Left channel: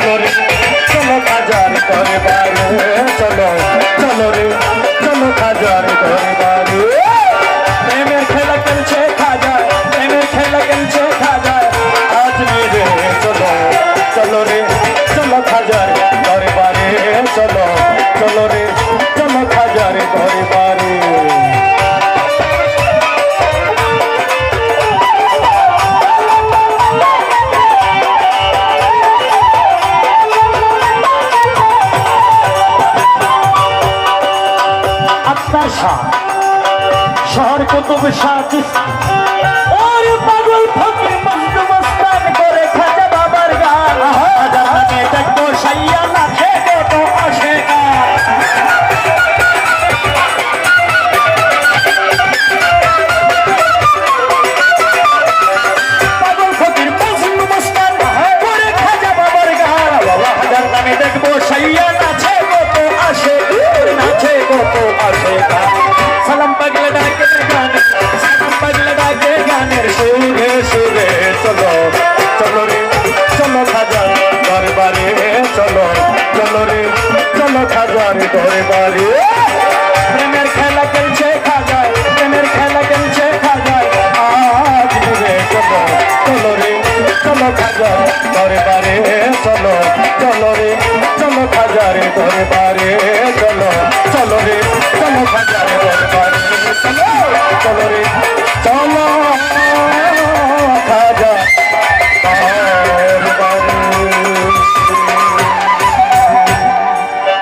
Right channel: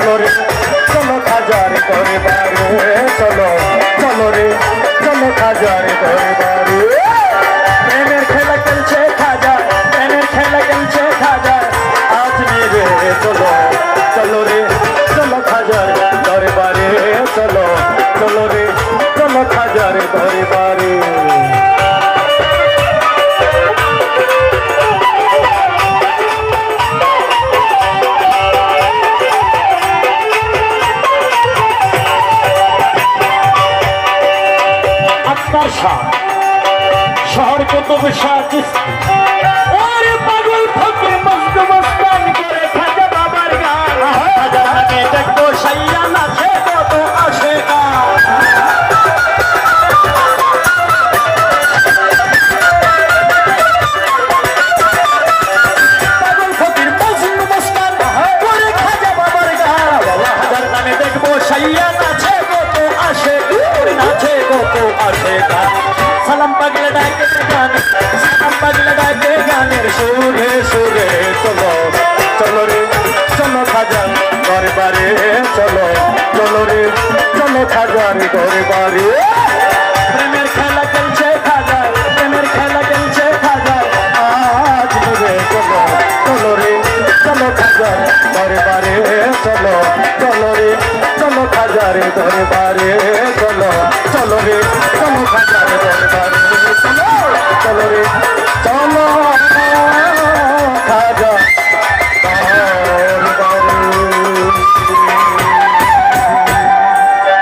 চলো রে চলো খাজার দরবারে চলো চলো রে চলো খাজার দরবারে প্রেমের খেলা খেলছে খাজা প্রেমের খেলা খেলছে খাজা আজ মেরে চলো চলো রে চলো খাজার দরবারে চলো চলো রে চলো খাজার দরবারে शहर को तो विशाल और पागल फकीर मस्त मस्तान करे खाजा बाबार गान खाजा नामे देखो सैया नाचे तो आशेका पागल फकीर मस्त मस्तान करे खाजा बाबार गान बाबा खाजा नामे देखो सैया नाचे तो आशेका सलाम पगल डाके गाने सलाम पगल डाके गाने सुरे सुरे चलो चलो रे चलो खाजा दरबारे चलो चलो रे चलो खाजा दरबारे